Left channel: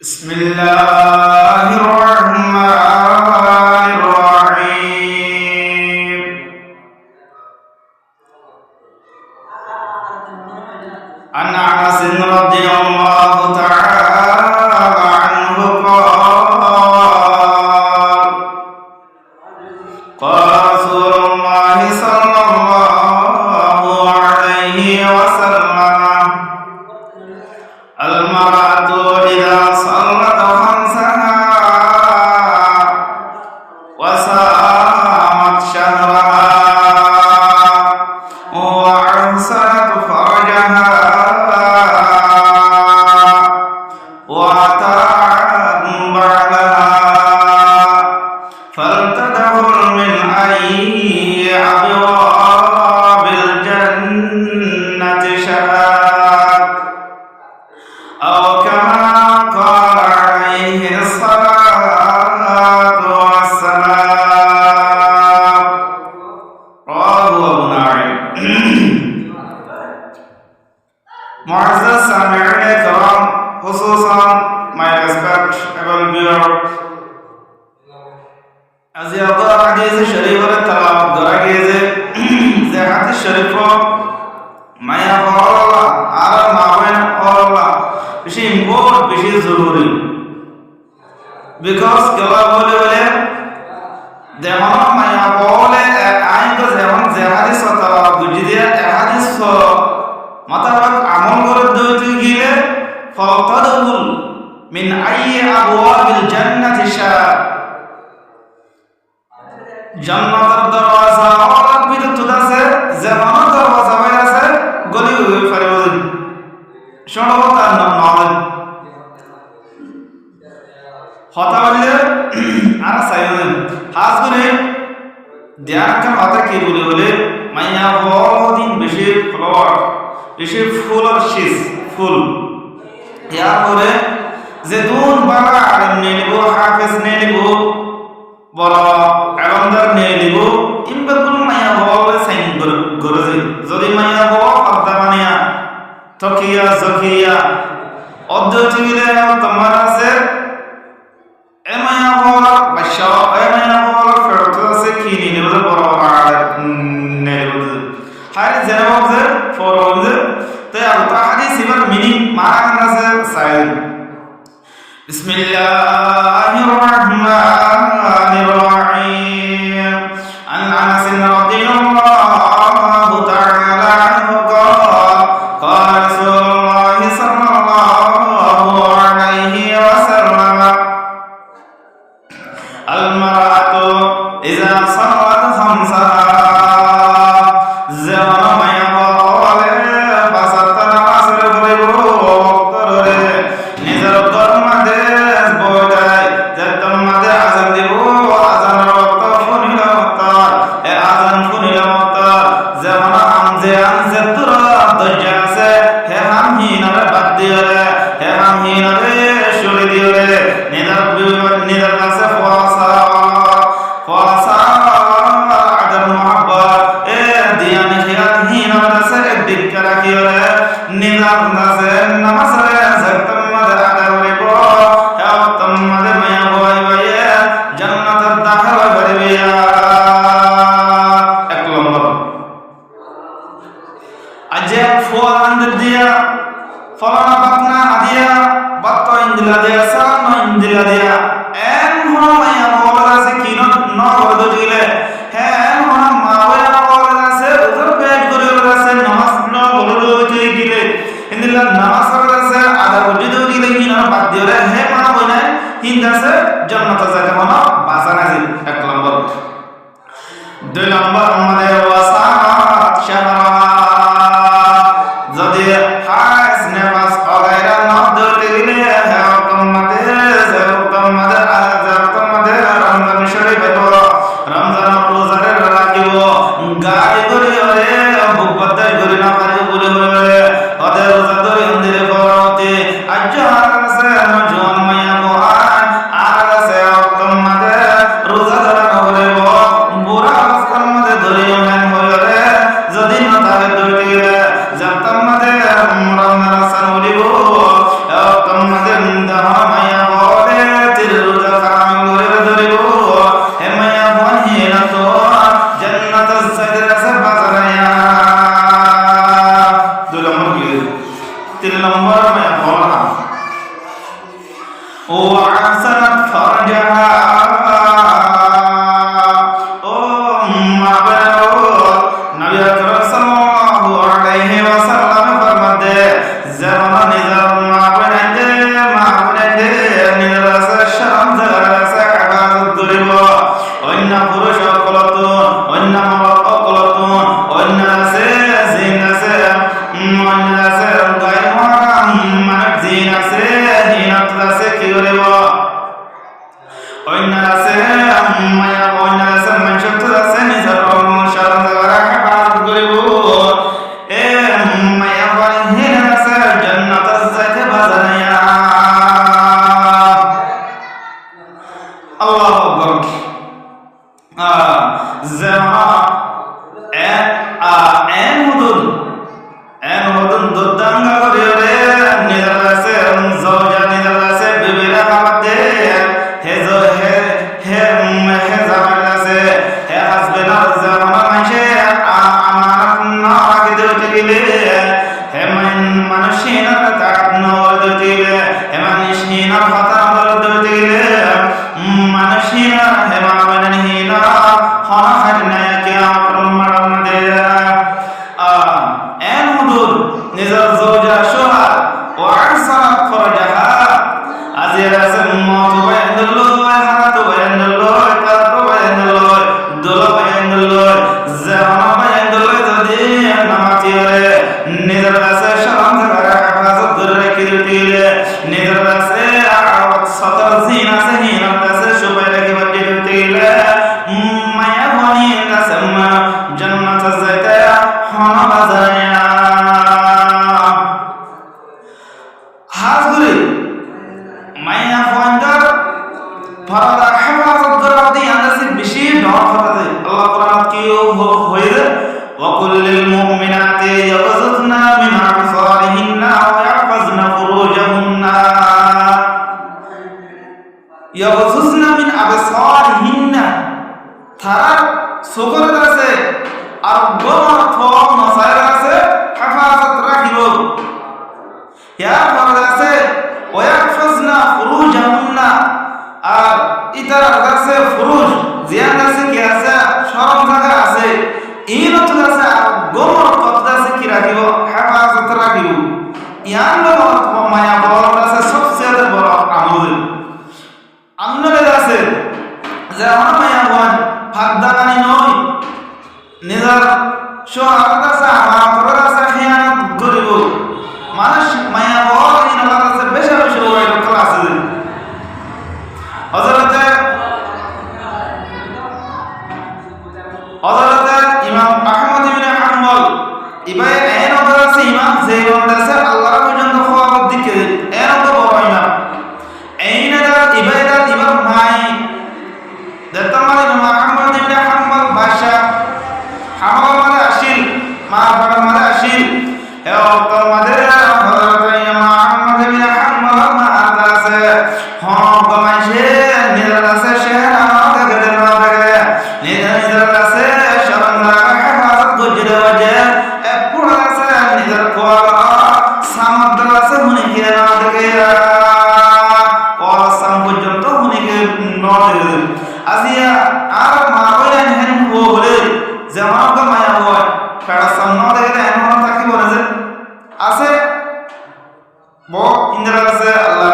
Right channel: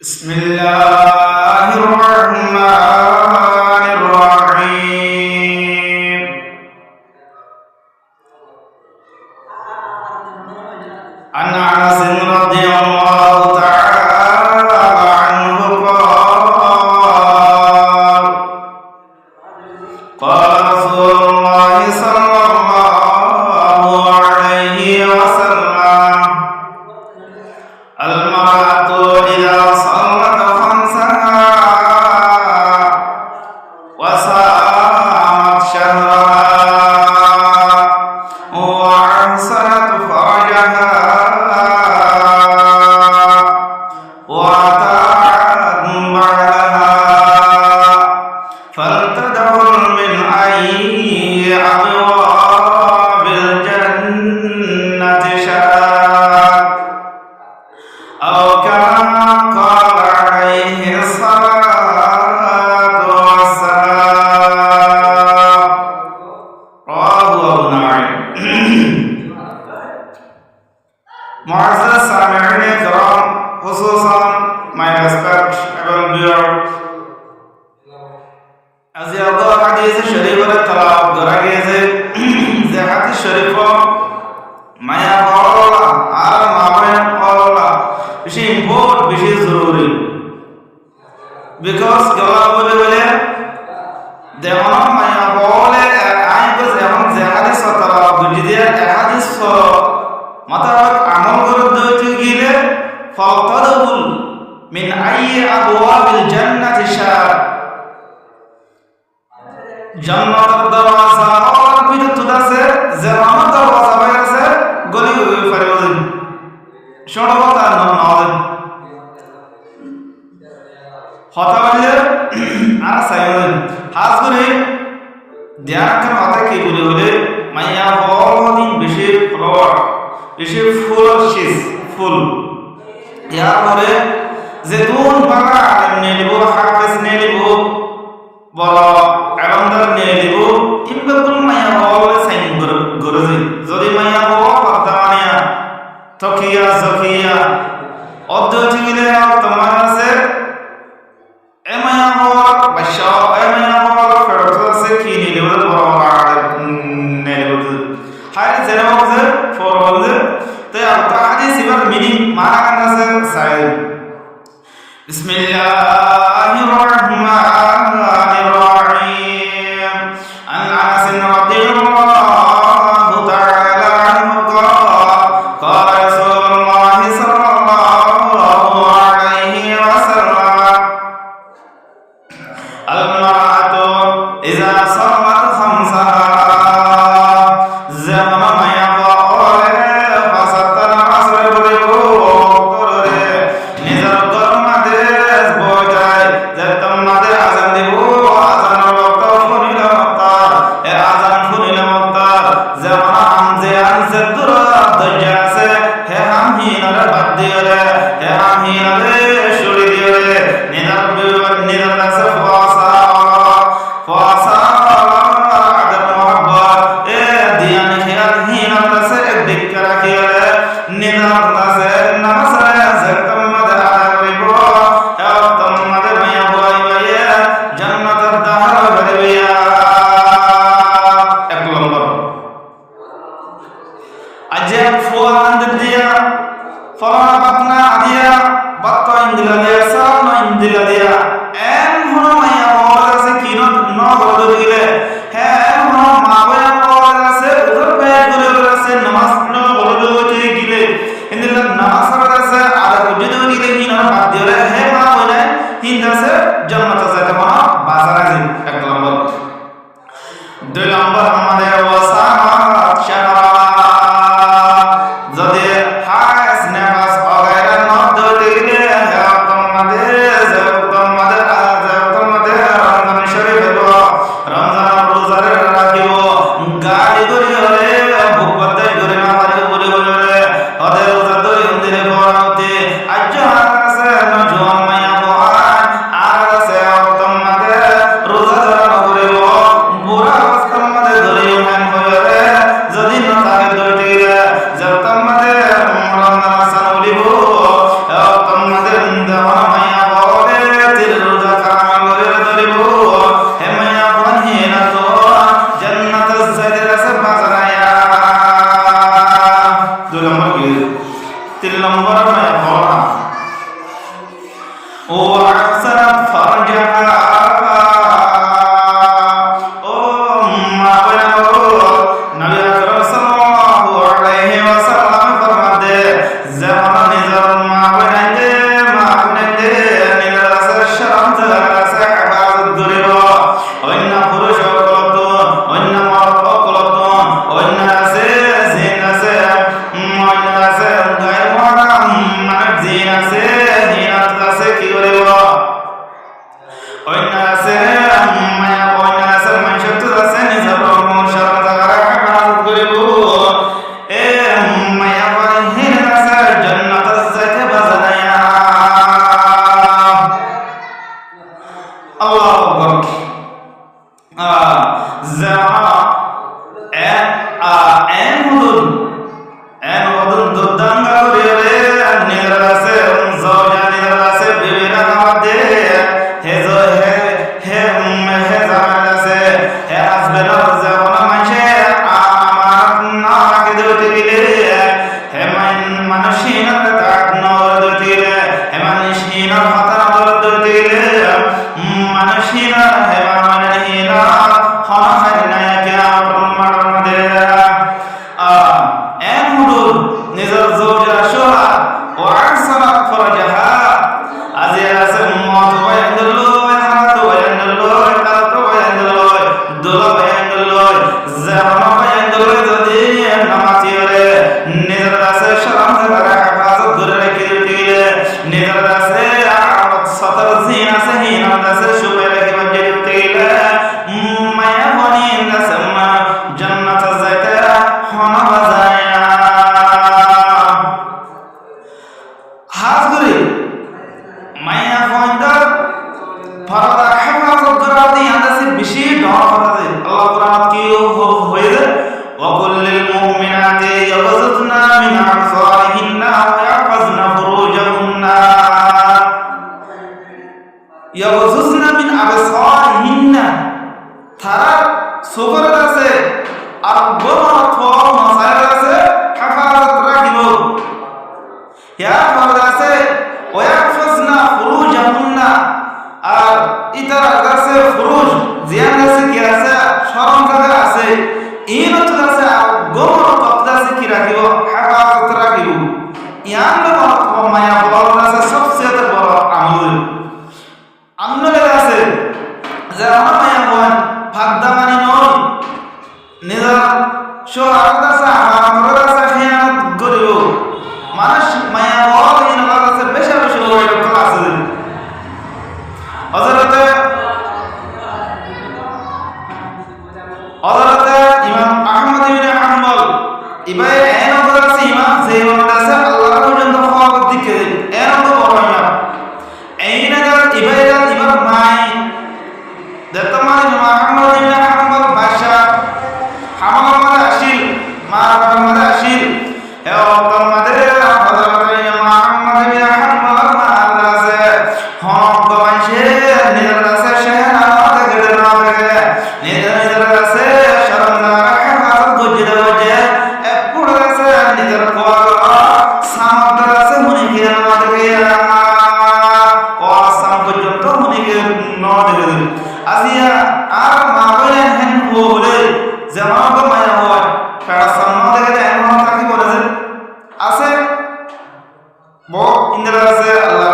بسم الله الرحمن الرحيم عن أنس رضي الله تعالى عنه قال رسول الله صلى الله عليه وسلم المرأة إذا صلت خمسها وصامت شهرها وأحسنت فرجها وأطاعت بعلها فلتدخل من أي أبواب الجنة شاءت أو كما قال عليه الصلاة والسلام رواه أبو نعيم معزز سامعين الكرام خصوصا my respectable viewers আজি আল্লাহ হাদিস শরীফের তেলাওয়াত করা গিয়েছে যে হাদিস শরীফ মায়া পাওয়ালা আর মা বোন পাওয়ালা বেশি ইম্পর্ট বেশি জরুরি বিকজ গলা বলে বলে দেখুন মায়া পাওয়ালে আইন তো যেমন যে হাদিস তেলাওয়াত বুঝি দিয়ে হাদিস মোতাবেক আমল করে দিতে গেলে ফালতাদুল মিন আইয়ি আবওয়াবিল জান্নাতি শাআ জান্নাতের দরওয়াজা ওর ভিতর তো আছে যেমন দরওয়াজা বাইরে আছে গলি হয়ে পারিব শোনো কথা নওয়াজ হতা বললে আর সাইমন হাজ করে ধ্যান কাম হতা কি বলে বলে মাইয়া বল দিন বেশি ফ্লাওয়ার বেশি ফুল আর শীষ ফুল ইয়ার পরে যে দুন বাবা আলেম নিয়ে নিব হাফেজ নিয়ে নিব বড় আলমদার নিয়ে নিব ইমবাকুল মাইয়া বলে সাইন করে যদি মাইয়া বল পর্দা মানিয়া তকিয়া জকিয়া অদ্বৈত গিলে তোমার আছে এ মাইয়া বল বাদশা এ মাইয়া বল ফেরত আছে কি নিয়ে নিব বড় বড় আলেম নিয়ে নিব হারে জেনে যে ফরমান যে তাই আর তো হাদিস এবার মিনিং মানা গান আছে সাইদ বিসমিল্লাহির রহমানির রহিম আন আনাস রাদিয়াল্লাহু তাআলা আনহু قال رسول الله صلى الله عليه وسلم المرأة إذا صلت خمسها যেমন মায়া বলে ফাসাতা নামাজ পড়ে বড়রে নিজের গরমাদে বই যায় যে তোমাদের আজান দিব আজানের ওয়াক্ত ফুনিল মুক্তার এ আজান ফুনিল মুক্তার যেমন আমজে আনজে দূর দজ্জা আছে হে হামহিনরে বাদ দিওরে হে হামহিনরে শুড়ি দিওরে নিদার কাছে ফুয়াসা আদর মোহাব্বত এ দিয়ানি খেয়াল হিন আছে একদিক রাখিওরে নিদার আছে নামাজরে যতম মাদে আদা করিব হে তোমাদের মায়া ভয় ভাইয়ে জান্নাতের দাখিল করিবিয়া এক নম্বর আজে ফুয়া আন্দ দিয়া ফলানা বাতনা আদিয়া বাত ইন্দিলা দিয়া সালাম ইন্দিলা দিয়া এন হন মায়া বল আছে কি ন করে দিলে হ্যাঁ হন মা বয়া বল আছে উধর পেট করে আছে নামাজ ন করে দিতে গিলে ইন্দিলা নামাজ করে আছে আদা উজ্জিত দিলে কি না বাদ দিওরে হে মা বয়া হিন্দ আছে জান্নাতে যাইতে হন বাজানা জি এক নম্বর দুই নম্বর আমাদের ওয়াসামাত শাহরা যদি হাজ নেফাস অগায়রা নদ দিতে গেলে হে তোমাদের রমজান শরীফ হইব রমজান রোজারে রাখিব গালি করি হলে বুক বদাই করি না পারিব বলে হইলে ওদের রোজা ধরে মন্দিরে পড়াতে আজ আছে নজন মাইয়া বহান আর আছে তোমাদের রোজা ধরা নকরিব বুড়া অবস্থার মধ্যে ধরে উঠান হইলে যদি না হইতে গেলে মানুষহীনার হতান আদালত হইতে গেলে মানুষহীনার হেমা মানহীনা হনহার নায়কে আমার মাডম দে এন হুদুর নিজর জওজা সোহা ও আহসানাত ফরজাহা আজির আছে মত বায়ানুল্লাহ হাত বায়ানুল্লাহ তাত বায়ানুল্লাহ দোলা বায়ানুল্লাহ জাহানা বায়ানুল্লাহ যদি নামাতি হরে নিজর আছে শরম থাকার হেফাজত করে রেখে দিতে গেলে নিজর আছে আওয়াত সতর জিন আছে হিনার আছে সুপাই রেখে বাজে দিতে গেলে মায়া বনি আছে জান্নাত যাইতে হনা বাজায়া হাজগুরি মায়া ফয়দার ফরদা হেফাজত করা দি আন্দাসে বেশি ডর কথা দে আল্লাহ কোরআনত কি হয়ে যায় وقل للمؤمنات يغضضن من أبصارهن ويحفظن فروجهن يغضضن من أبصارهن তারা চোখের কাছে আর গোমন থর নসায়ের কাছে হেফাজত রাখিব ইয়ার পরে আছে ওয়াহফাজনা ফুরুজাহুন্না আর ইতার কাছে ফুরুজ জিয়ান কাছে কি আছে শরম জায়গা আছে ইনত আছে আর গোমন তত আছে কি রাখিব হেফাজত রাখিব ইয়ান লোক মায়া বড় আছে সবচেয়ে বড় আমল আমলে আছে যে আমার মায়া বন ফাগদামানি নয় নিজের সোহারত আছে আমার ঘরের আছে খেয়ানত করিব মানুষ মায়া বল এই নলার আছে বেশি বেশি ওই রকম আছে হযরতে ইমাম আহমদ ইবনে হাম্বল ইবাই এন ওপর আছে ইমাম যে ইমাম আছে আল্লাহর পর্যন্ত হওয়ার দিকে এন ওপর বড় ইমাম এইনাদার ইবাইদাত ইমাম মাই দত্তমাল ইমাম আহমদ ইবনে হাম্বল বাদশা হামাল মাদা আসিল মার বড় মাদা আসিল এ ওতম মাদে হযরত ইমাম আহমদ ইবনে হাম্বল মার আছে হন গমাইছে নিজের আছে শেহনা না দেখে না দেখে নিজের আছে শরমদার হেফাজত গজে দেওয়া যে এ পুরো আছে নিজের কোয়া সামর্থ্য আছে হুনিকে না দেখে সাম পর্যন্ত হুনিকে না দেখে আজিয়া আর মা বলেন হেন ও বলে যেমন মায়া হয় ফেড়া সামনে দেখে দেয় এমন থাকি বলে যে আছে ব ইন্দিরা আছে আল্লাহ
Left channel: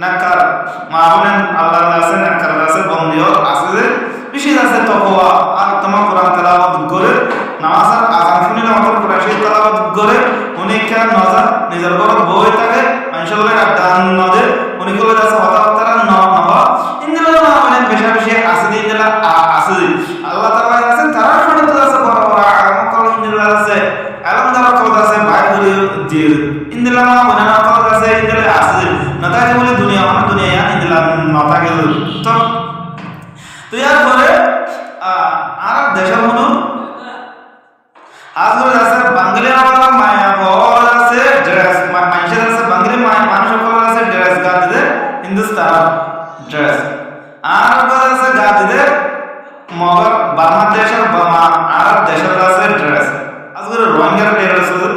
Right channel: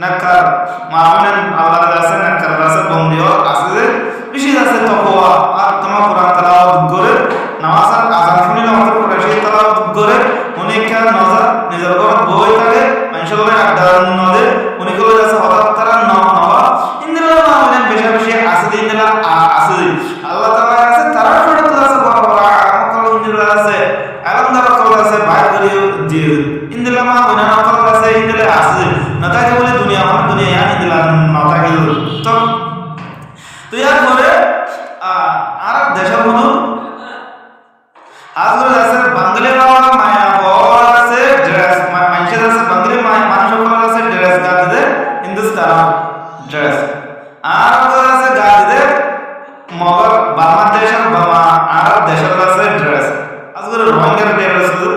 নাকার মা বলেন আল্লাহর আছে নাকার আছে বন্দিও আছে যে বিশেষ আছে তকওয়া আর তোমার কোরআন তেলাওয়াত করে নামাজ আর আযান শুনিলে আমাদের কোরআন শরীফ তেলাওয়াত করে উনি কে নজর নিজের ঘরত বই থাকে মানশাল্লাহ আড্ডা নদে উনি কলে আছে হঠাৎ তারা নবা ইন্দিরা মা বলেন বেশা বেশি আছে ইন্দিরা আছে আল্লাহ তাআলা আছে তারা শরীয়ত আছে বড় বড় আলম কল ইন্দিরা আছে আলম দ্বারা কল আছে বাইর করে দিয়ে ইন্দিরা মা বলেন কল আছে ইন্দিরা আছে না তাই বলে দুনিয়া মানে দুনিয়া ইয়ান ইন্দিরা নতা গেল তো ইয়ার পরে আর দেশের মতো আজকাল আছে বাঙালির মায়া বল আছে ড্রেস মানুষের আছে বাঙালি মানুষ সকলের আছে ড্রেস গা দিতে হিন্দুস্তান ড্রেস আর আছে গা দিতে মগর বাংলাদেশের বামা আর দেশের আছে ড্রেস আজকাল রোহিঙ্গার ড্রেস আছে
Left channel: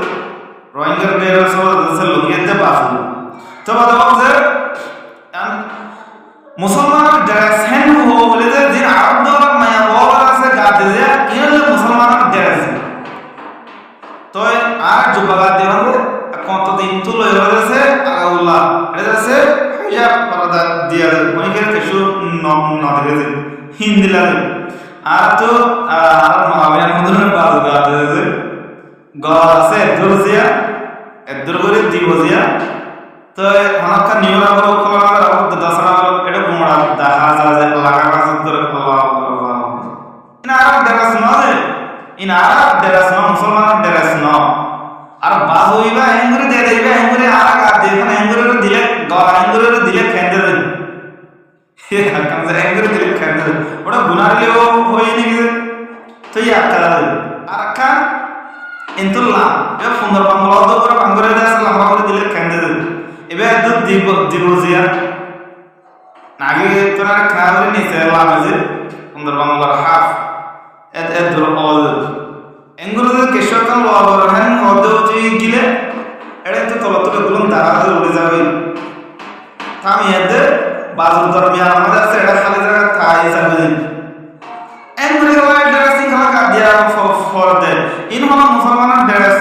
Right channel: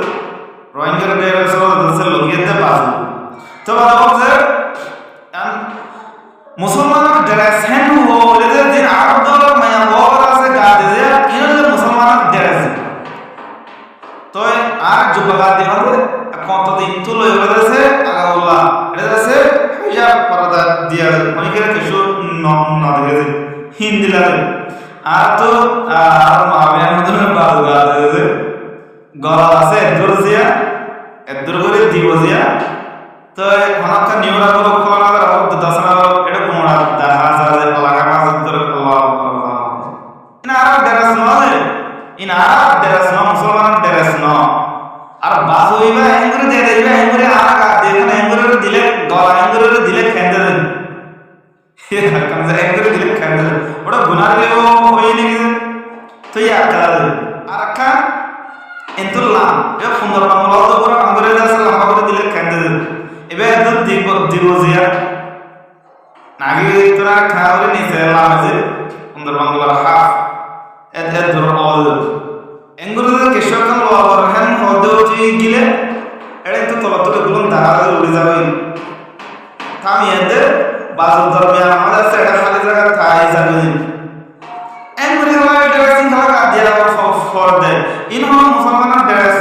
রোহিঙ্গার ড্রেস আছে লুঙ্গিতে বাসু তো বাদ যে মুসলমানের ড্রেস হেন বলে যে দিন আরব দলের মায়া বল আছে গা দিয়ে ইন যে মুসলমানের ড্রেস তো আর যুবগা দিয়ে কতদিন তো লই হয়ে যাচ্ছে আগাউল্লাহ এটা যাচ্ছে হিজাব পর্দা দিয়া মনে করে কিছু ন দেখে হিন্দি লাগে আর তো আর মহাবিয়ান মধ্যে বাজু গা দিয়ে গলা আছে এদুর করে দিব জিয়া তো হনকা নিয়রা বড় খোলা না আর দশনা বড় এটা গুমড়া দেখা যায় যে এলাকা কাজত করে আল্লাহ আল্লাহ ইন আরব ড্রেস ন যে ইন আরব ড্রেস ন মুসলমানের ড্রেস ন আর বাজ হইবা এঙ্গুরি দে দেইবা এঙ্গুরি আর গা দে না এঙ্গুরি দিলে গলা এঙ্গুরি দিলে খেন্দে দে হে হাকাম যে এঙ্গুরি দিলে খেন্দে দে ওটা গুনারিলে ও হই নি কি তো ইয়া কালা আর কা ইনতুল্লাহ এ সুন্দর বাংলা তো করে বাঙ্গরে দাস লম্বা করে দিলে খেন্দে দে এবার দুধ দিব জিয়া নাগে তোরা খাওয়ারে নিছে লামেজে সুন্দর বাংলার হাফ এত দূর অল এঙ্গুরুদের কেশকান লবর হেন হদেও তুই গিলে এটা কিন্তু তলত থেকে গুলো দেখা উড়ে যাবে থামিয়ে দে বাজুর দরমিয়ান আমাদের আছে এটা খালি জায়গা থাই যাবে এমনি খেলা ড্রেসিং খেলা কাট দিয়া ফর দে ইন হলো মুসলমানের ড্রেস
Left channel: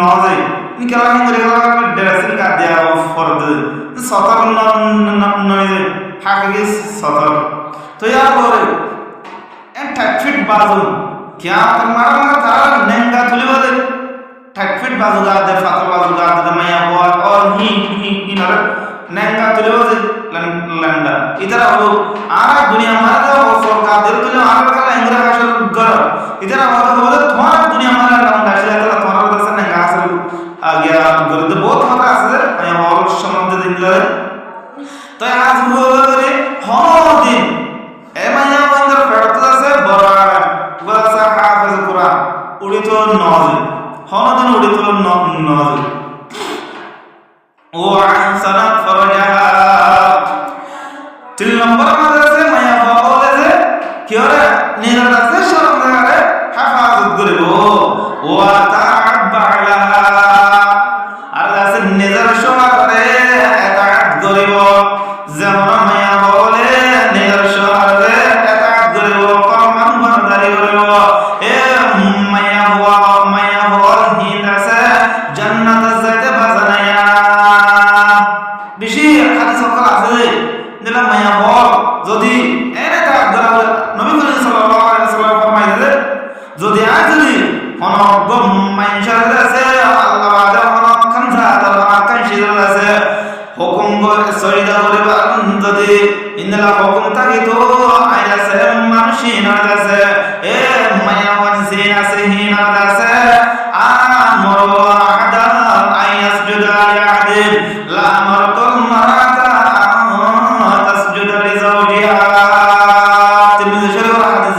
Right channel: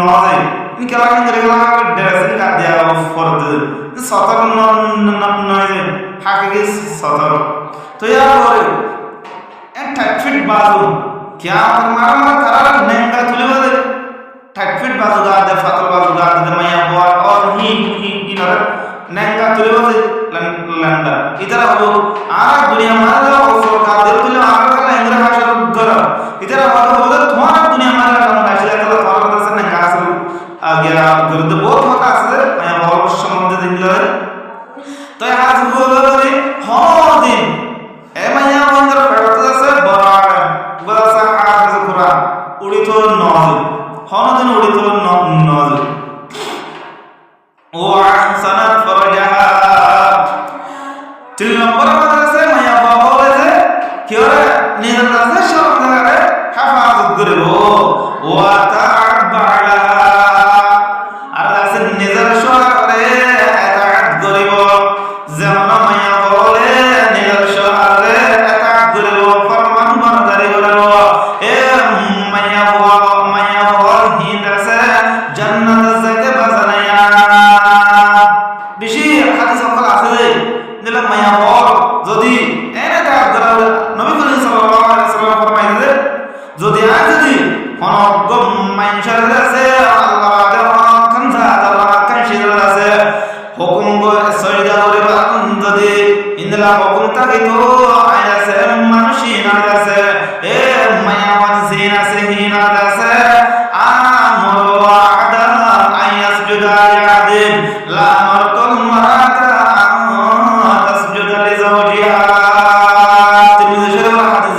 নজে ইন খেলা হিন্দু খেলা ড্রেসিং কাট দিয়া ফর দে সতর নয় যে হাকিকি সতর তো ইয়ার পরে এ 30 ফিট বাজু क्या कर मारा मारा थारा नंगा तुले बदे 30 फीट बाजू गाद दे फातल बाजू गाद दे मैया बोल और ही नर नंगा तुले बदे लंडा इधर हो आरा दुनिया मारा दे और सरकार दे तुले आरा कला इंग्रे भाषा गर इधर हो दे थोड़ा दुनिया मारा लंडा शिला कला थोड़ा बदे से नंगा असल आ गया गर दे बहुत होता है मैया बोल संबंध दे इंग्ले तो आज वो करे होनो दिन ए मैया बंदर फड़ता से बड़ा বলাসা হাফেজ কুরআন উড়িত নজ হনদিন উড়িত নজ ও আহসানাত ফরজাহা 3 নম্বর মাদ্রাসা মায়া বলে যে কিওরে নিজের কাছে শরম জায়গায় হেফাজত করিব ওয়া তা'বালা আর আছে নিজের শহরে এতাআত করিব যেমন মায়া বলে নিজের শহরে এতাআত করিব ফরমান বরদারি করিব এ মায়া বল হিদাসে জান্নাত যাইতে বাজানায়া বেশি হাদিস সকল আছে দিলা মায়া বল যদি এনে তাআত করা নবী করিম সাল্লাল্লাহু আলাইহি ওয়াসাল্লাম ফরমাইছে যদি আজ যদি কোন গম মাইনশার আছে আল্লাহ বাদে কোন খানজা তার কান শিদর আছে হুকুম সরিদা করে যদি ইন্দলা হুকুম থাকে তো আইল আছে মানুষই না আছে এ মায়া ওয়ানসিন আছে হিন আছে আমর ওয়াহদা আয়াসজুদা লিআদিল লা মারতুল মারাতা তাসজুদা লিজাওজিহা তিরমিজি শরীফের হাদিস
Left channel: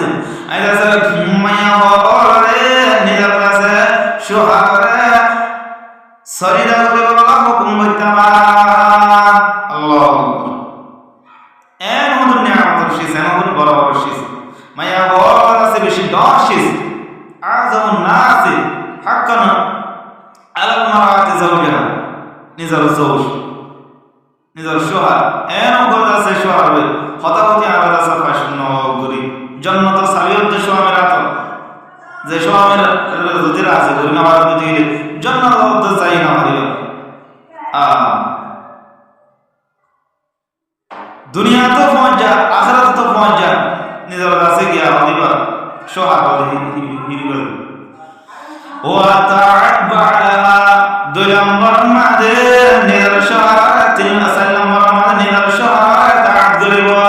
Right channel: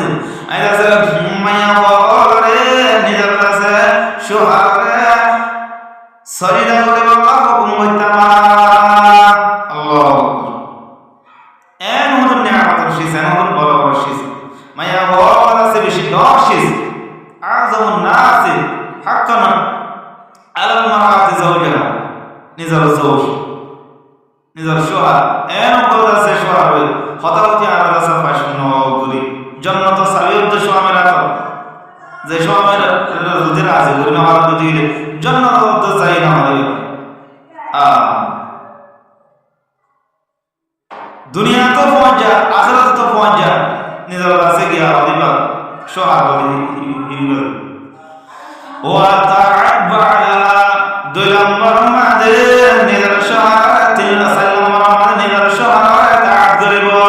আইল আছে মায়া বলে নিজের আছে সুহারে সরিদা করে বলা হুকুম করতামা আল্লাহু আকবার এন হদুন নিয়ামতের শীষ এন হদুন বড় বড় শীষ মায়া বল আছে বেশি দর শীষ আযমুন নাসি হাক্কান আলাল মারাতি যাওজাহা নিজের জৌজ নিজের সোহার এন উপর আছে সোহার হই হতাহতি আর আছে ফাশন গুরি জান্নাত সাবি উদ্দেশ্য আমি রাত যে সোহামের যদি রাজি করি না ভারত দিলে জান্নাত যাই না হারিবে दुनिया तो पहुंच जा आखिरत तो पहुंच जा निजर दासे गया हदीबा शोहार हदी हिबा वा ता'बाला दुलंबर मादे निजर शोहार तिल सल्लमर मादे निजर शोहार ता'ब गरिबा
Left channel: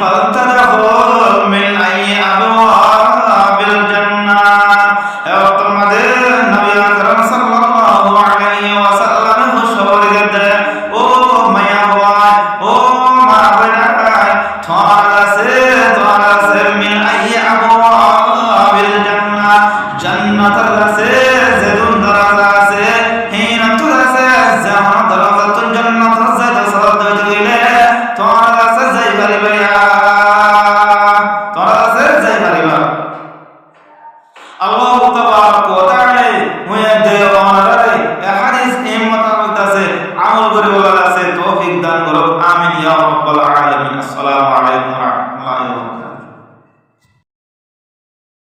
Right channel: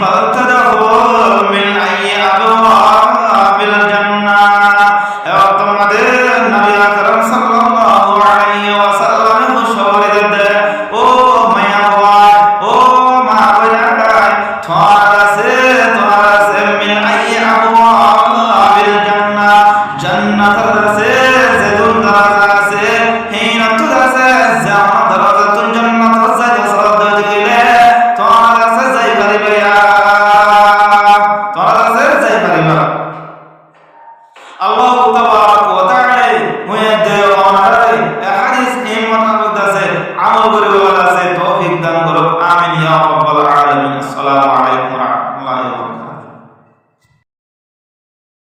फलतदखुल मिन अय्य अबवाबिल जन्नाह ए तुम्हादे नबी আকরাম সাল্লাল্লাহু আলাইহি ওয়াসাল্লাম খুশখবরি দে ও মায়া ও মা বইনাই তোরা আছে মিন আইয়া আবওয়াবিল জান্নাহ জান্নাতের আছে যেদুন দরজা আছে হিনাতু আছে জাহান দরজাতুল জান্নাত যাইতে সওয়াব দিতে গেলে তোরা আছে যাই পারিবা তোরা আছে যাই পারিবা আল্লাহ তাবারাক ওয়া তাআলা মুয়াদ্দে ওনারে হাদিস এই মোতাবেক আছে আমল করে বলা আছে তৌফিক দান করুক আমিন ইয়া রাব্বাল আলামিন আসসালামু আলাইকুম ওয়া রাহমাতুল্লাহি ওয়া বারাকাতুহু